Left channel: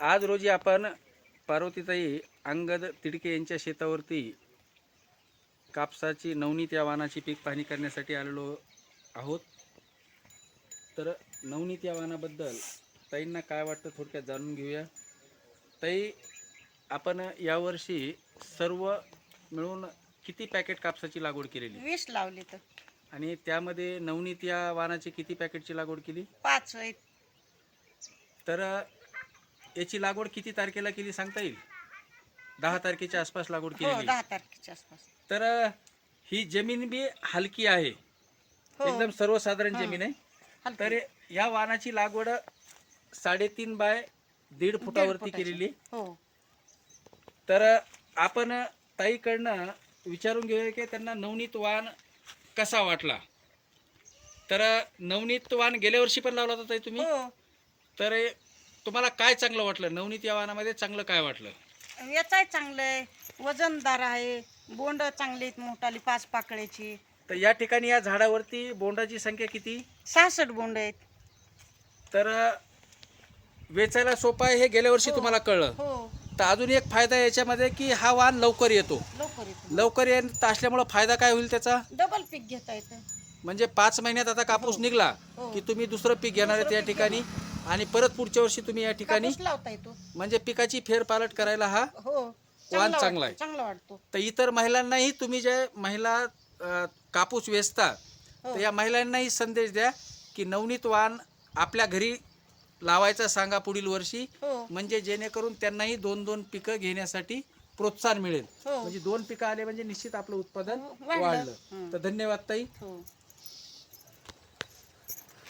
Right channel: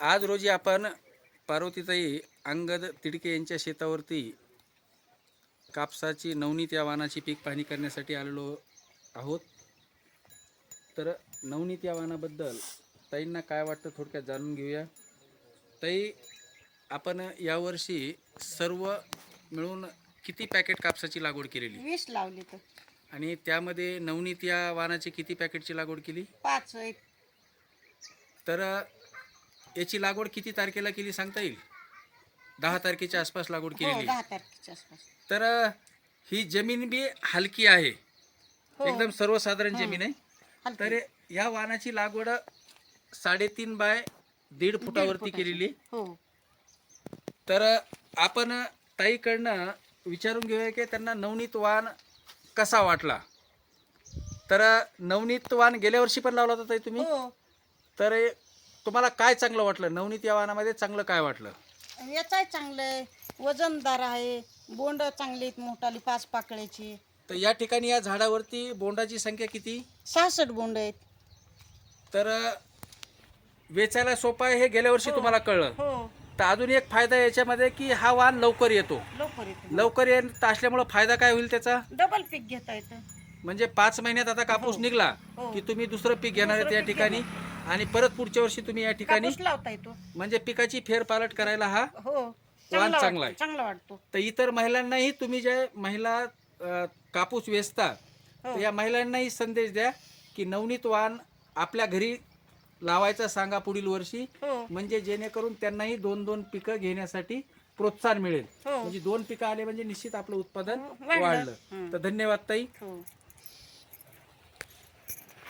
आज रोजी आपण पार्वतीताई अंगद तिडके यांच्या शेतावरती कापसाची नवनीत या वाहनाची पीक पाहणी करण्यासाठी आलेलो आहोत. तर नवनीत या वाहनाबद्दल ताईंना काय वाटतं थोडक्यात जाणून घेऊया. ताई आपण यावर्षी सर्व मिळून किती पॅकेट कापसाची लागवड केलेली? वीस लावली तर. आणि त्यामध्ये नवनीत या वाहनाची किती पॅकेटची लागवड केली? पाच तर याची लागवड किती तारखेला केली सांगता येईल? दहा तारखेच्या आसपास लागवड हो केलेली. दहा तारखेच्या आसपास. तर अ, ही जमीन बी हलकी आहे. हो. एकदम सर्वसाधारण. जमीन आहे. हलकी. तर या वाहनाची लागवड साडेतीन बाय दीड फुटावरती फुटाची. केलेली. हो. तर आपण ताईकडनं विचारून घेऊया की त्यांना नवनीत वाण कसा वाटला? तर नवनीत वाण गेल्या वर्षी पण लावला होता ताई तुम्ही? हो. तर तुम्हाला काय चांगलं वाटलं? नवनीत या वाहनामध्ये चांगलं काय वाटलं? याचाही चांगलं आहे. वजनदार आहे. बोंड चांगली आहेत मोठाली पाच पाकळ्याची. तर या ठिकाणी या झाडावरती बोंडाची संख्या किती? सहासष्ट बोंड आहेत. तर अ, वेचायला सोपं आहे हे गेल्या वर्षी हो. तुम्हाला कळलं. हो. तर अजून एक फायदा याच्यामध्ये की हा वाण लवकर येतो. लवकर येतो. लवकर येत असल्यामुळं फायदा काय होईल त्याचा? डबल पीक घेता येतं. म्हणजे पाच महिन्यात आता कापूस हो. निघला हो. की तुम्ही दुसरं पीक घेणार आहेत दुसरं या पीक ठिकाणी आणि परत पुढच्या वर्षी तुम्ही या ठिकाणी कापूस लावता येतो म्हणजे पिकाची फेरपालट करायला हा हो. चांगला चांगला आहे. वाटतो चांगला वाटतो. तर इतर महिलांनाही तुम्ही जे महिला अ, कापूस वेचता हो. तर या महिलांनाही संदेश द्या की नवनीत वाण आपल्या घरी लावायचं सांगा पुढील वर्षी. हो. म्हणजे जेणेकरून त्यांनाही दोन दोन पिकं घेण्यासाठी प्रोत्साहन मिळेल. हो. म्हणजे दोन पिकं आले म्हणजे निश्चित आपलं उत्पादन वाढलं. वाढलं. हं. तर धन्यवाद ताई. हो.